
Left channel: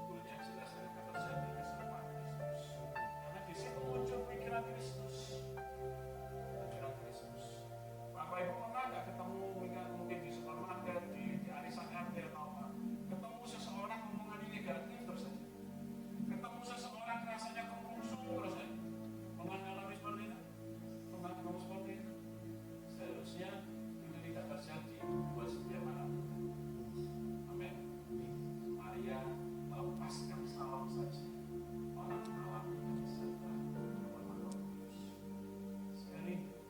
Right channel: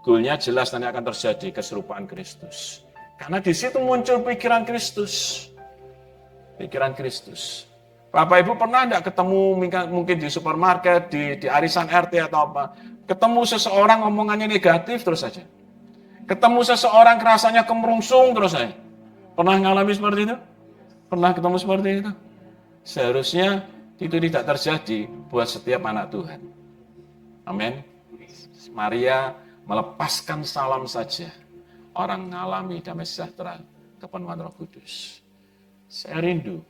Goalnya jelas nanti akan terjadi keserupaan Kristus. Karena di situ muncul pikiran Kristus. Pikiran Kristus. Bapak Ibu pernah enggak ketemu mungkin di supermarket, di arisan RT atau apa. Ketemu seseorang omongannya negatif terus saja. Ketemu seseorang rasanya kemerungsung terus saja. Pernah ngalami seperti itu? Pernah ketemu seperti itu? Seharusnya itu tidak terjadi buat setiap anak Tuhan. Amin. Maria melepaskan salam saja. Orang mengalami damai sejahtera kepenuhan Roh Kudus. Saya rindu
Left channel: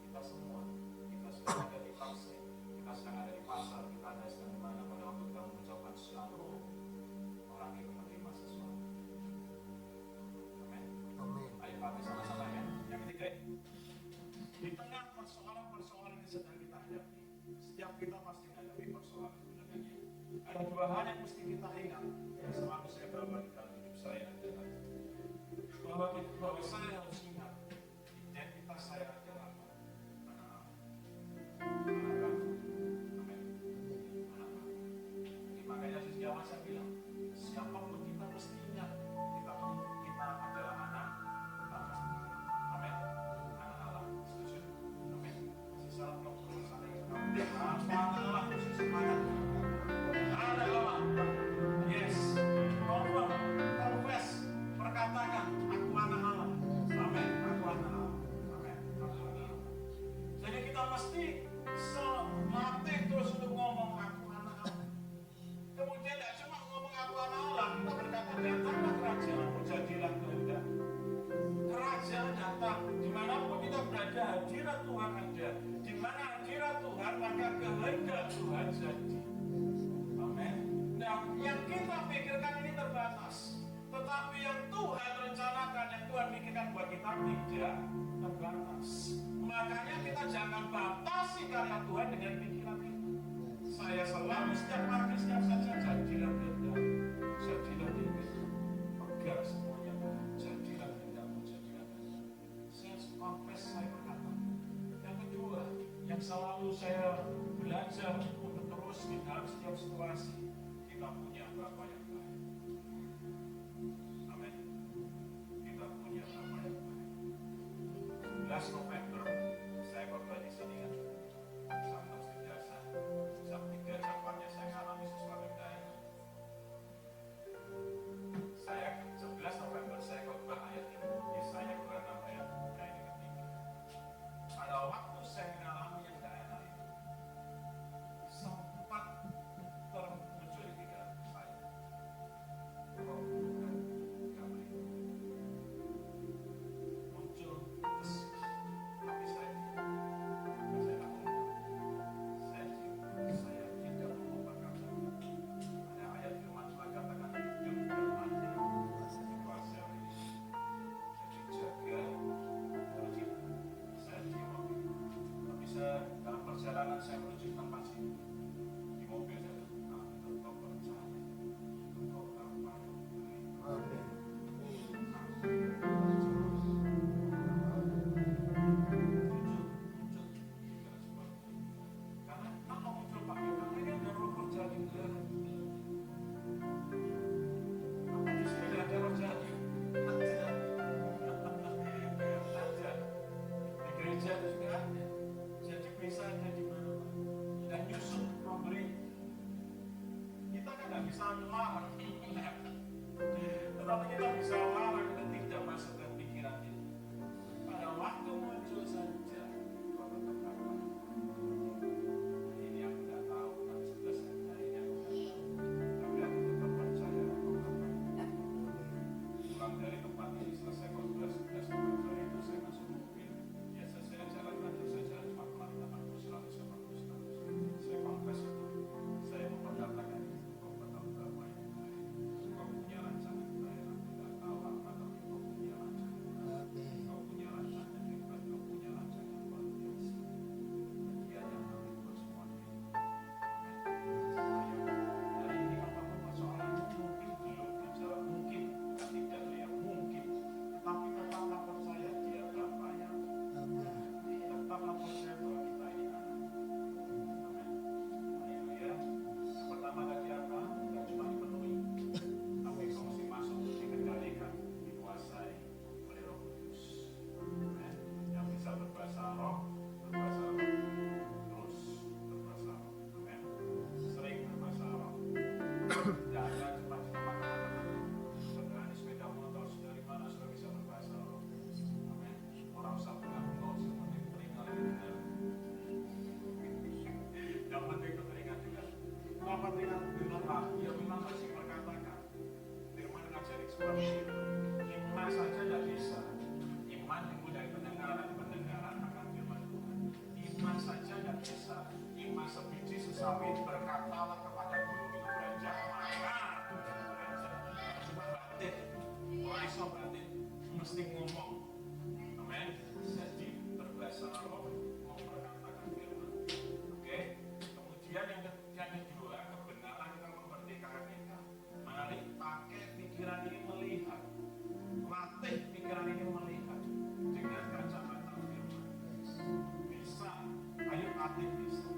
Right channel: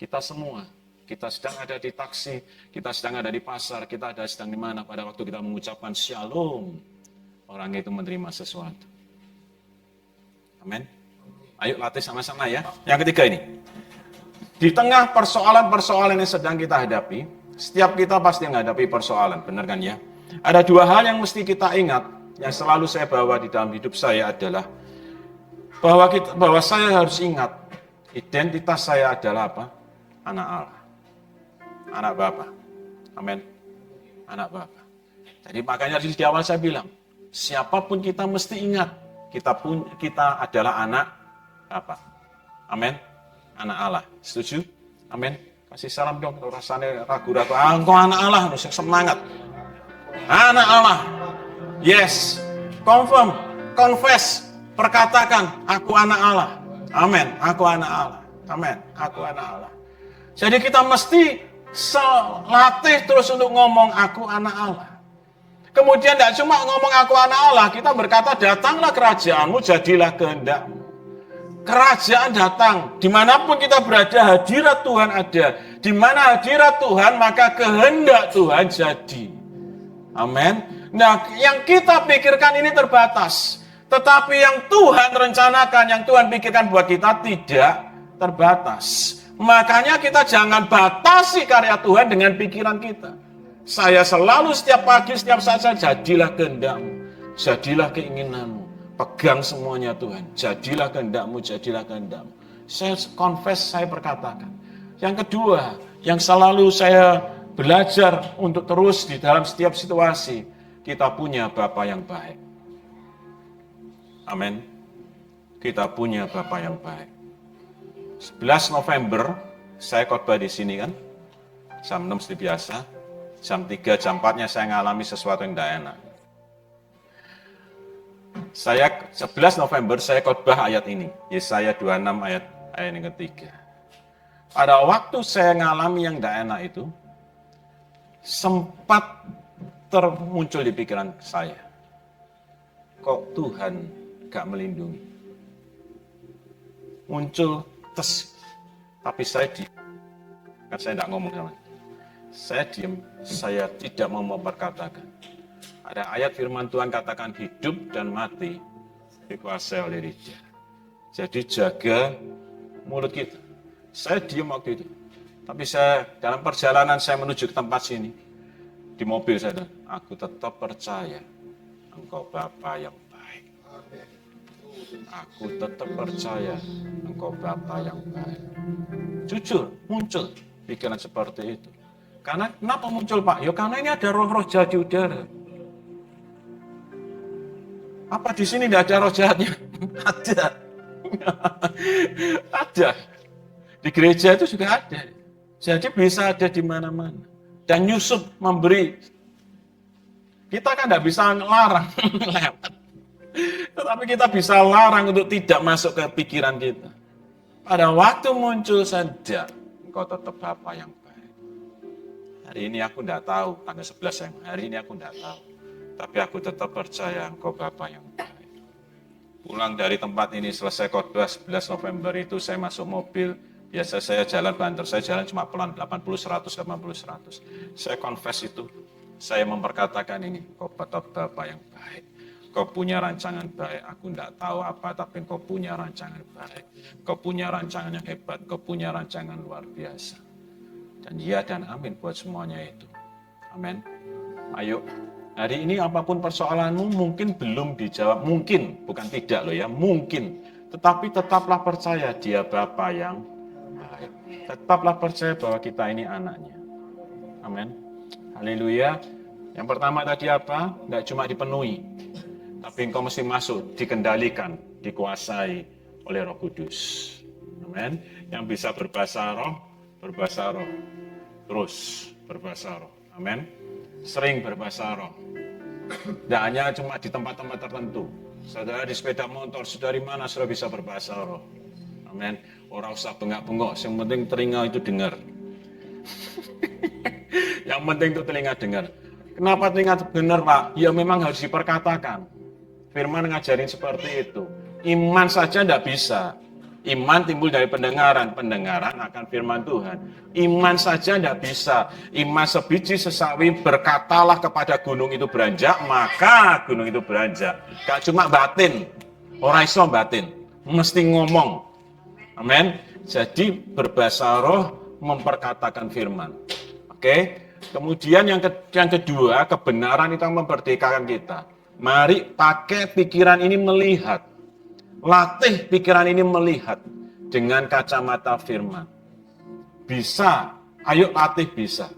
kita semua. Kita sedang ada di taksi, kita sedang ada di pasar, kita ada sedang di mana pada waktu kita mengucapkan shalom. Orang itu menerima sesuatu. Amin. Ayo latih sama-sama ya. Yang ketiga ini. Di tengah persoalan-persoalan yang sedang kita hadapi, setiap kita pasti menghadapi persoalan, benar kan ya? Ada dua hal yang mesti kita ingat, yang selalu saya bawa di dalam hidup saya adalah bahwa saya harus ingat identitas saya adalah apa? Anak Allah, anak Bapa. Amin. Anak Bapa. Jadi makanya di awal saya bilang, siapapun kita mesti ingat kita adalah anak Bapa. Amin. Anak Allah. Setuju? Amin. Kasih salam dong kalau rasanya ragu-ragu. Engkau anak Allah, harus semangat. Anak Allah. Yes. Confirm, confess, perkatakan, aku anak Allah. Amin. Aku anak Allah. Amin. Aku anak Allah. Jadi kita mesti latih terus untuk ngomong aku anak Allah. Kemudian tidak cuma ngomong aku anak Allah, kita berkata datanglah kerajaanmu, jadilah kehendakmu. Kerajaan datang, dimanapun kita berada, hadirat Tuhan ada. Di mana hadirat Tuhan, maka kehendak Tuhan jadi. Amin. Nah, yang kita pikirkan ini terbatas. Tetapi yang Tuhan rencanakan, yang Tuhan pikirkan buat kita tidak terbatas. Makanya kita jangan batasi karya Tuhan dengan pikiran kita. Saya selalu setiap pagi, setiap saat saya jadilah kehendakmu, jadilah keinginanmu. Pegang semuanya Tuhan, jadilah kehendakmu, jadilah kehendakmu. Saya confess, saya perkatakan. Yang kedua, yang selalu saya belajar untuk terus di dalam setiap situasi, kita punya Bapa yang baik. Amin. Kita punya Bapa yang baik. 11 November, saya khotbah di sini kan, jam 6 seperti biasa. Jam 3, jam 4-nya saya ngalami sesuatu yang tidak enak. Saya 11 November saya khotbah ayat ini, Yesaya 26 ayat yang ketiga. Pada waktu saya ngalami yang tidak enak itu, sempat termuncul di pikiran saya, kok Tuhan gak melindungi? Muncul tapi saya diam. Kan saya tidak ngomong sama. Saya diam, saya tidak mau memperkatakan. Ada ayat firman Tuhan katakan hidup dan mati dikuasai oleh lidah. Jadi jaga mulut kita. Saya diam waktu itu. Tapi saya dalam perjalanan saya menuju ke tempat sini. Di mobil saya bilang, aku tetap percaya Engkau Bapa yang baik. Aku tetap percaya Engkau Bapa yang baik. Jujur, muncul pikiran seperti itu. Karena kenapa muncul Pak? Ya karena ini ada roh-roh jahat di udara. Apa di sini tidak ada roh jahatnya? Ada. Ada. Di gereja itu juga ada. Jadi bisa ada di mana-mana. Dan Yusuf memberi. Kita kan tidak bisa larang lewat. Tetapi kita bisa larang untuk tidak masuk ke pikiran kita. Pada waktu muncul saja, engkau tetap Bapa yang baik. Hari ini aku tidak tahu, tanggal 11 yang hari ini aku tidak tahu. Tapi aku tetap percaya engkau Bapa yang baik. Pulang dari tempat ini selesai khotbah 11 November itu saya masuk mobil. Biasa saya jalan banter, saya jalan cuma pelan 80-100, 80-100. Saya confess itu, saya memperkatakan ini, kau tetap Bapa yang baik. Kau punya rancangan baik, aku tidak tahu apa, tapi kau punya rancangan baik. Kau punya rancangan yang hebat, kau punya rancangan luar biasa. Dan ya dan amin buat semuanya itu. Amin. Ayo, hari ini apapun persoalanmu mungkin belum dijawab, mungkin, bukan tidak loh ya, mungkin. Tetapi tetaplah percaya dia Bapa yang baik. Tetaplah percaya bahwa kita ini anaknya. Amin. Haleluya. Yang pertama tadi apa? Tidak cuma dipenuhi. Tapi engkau mesti masuk, dikendalikan, dikuasai oleh Roh Kudus. Amin. Yang bisa berbahasa roh, terus berbahasa roh. Amin. Sering berbahasa roh. Tidak hanya cuma di tempat-tempat tertentu. Saudara di sepeda motor, saudara di mana sudah bisa berbahasa roh. Amin. Orang usah bengak-bengok, yang penting telinga itu dengar. Yang penting itu telinga dengar. Kenapa telinga dengar, Pak? Ya memang harus diperkatakan. Firman ngajarin seperti itu. Iman saja tidak bisa. Iman timbul dari pendengaran. Pendengaran akan firman Tuhan. Iman saja tidak bisa. Iman sebiji sesawi berkatalah kepada gunung itu beranjak, maka gunung itu beranjak. Gak cuma batin. Orang iso batin. Mesti ngomong. Amin. Jadi berbahasa roh memperkatakan firman. Oke. Kemudian yang kedua, kebenaran itu memerdekakan kita. Mari pakai pikiran ini melihat. Latih pikiran ini melihat dengan kacamata firman. Bisa, ayo latih bisa.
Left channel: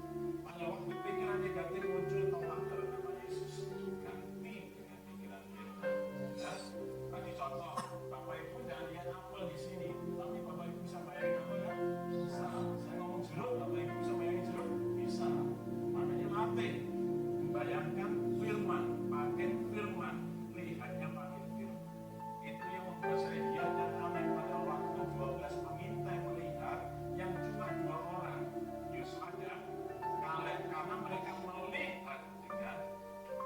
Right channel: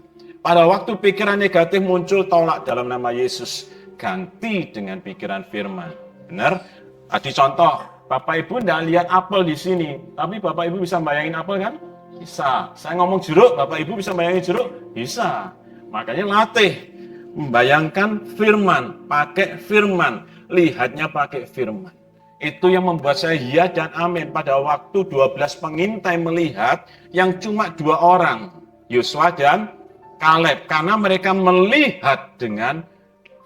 Pada waktu pikiran negatif muncul, tolak dalam nama Yesus. Ganti dengan pikiran firman. Benar? Tadi contoh, Bapak Ibu tidak lihat apel di sini. Tapi Bapak Ibu bisa bayangin apel kan? Bisa. Saya ngomong jeruk, Bapak Ibu bisa bayangin jeruk? Bisa. Makanya latih. Membayangkan firman, pakai firman, lihatnya pakai firman. Itu yang membuat saya ya dan amin pada waktu 12 pengintai melihat yang cuma 2 orang, Yosua dan Kaleb. Karena mereka melihat dengan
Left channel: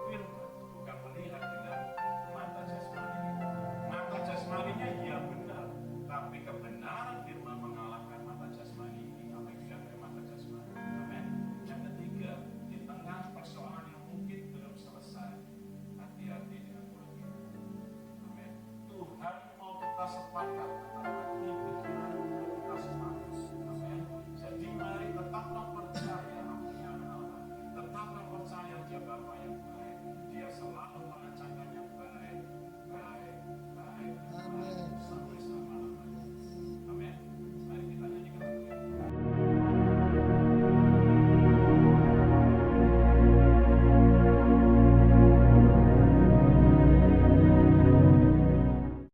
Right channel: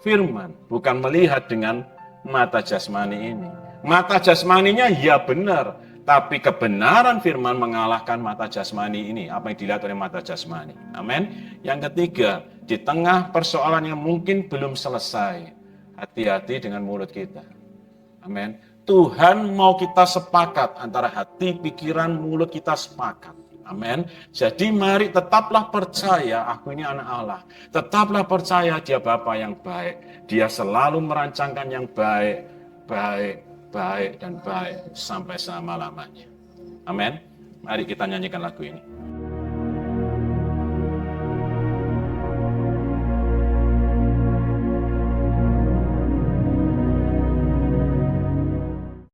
firman, bukan melihat dengan mata jasmani ini. Mata jasmaninya ya benar, tapi kebenaran firman mengalahkan mata jasmani ini, apa yang dilihat oleh mata jasmani. Amin. Yang ketiga, di tengah persoalan yang mungkin belum selesai, hati-hati dengan mulut kita. Amin. Tuhan mau kita sepakat antara hati, pikiran, mulut kita sepakat. Amin. Jadi mari tetaplah percaya aku ini anak Allah. Tetaplah percaya dia Bapa yang baik. Dia selalu merancangkan yang baik, baik, baik dan baik sampai selama-lamanya. Amin. Mari kita nyanyikan lagu ini.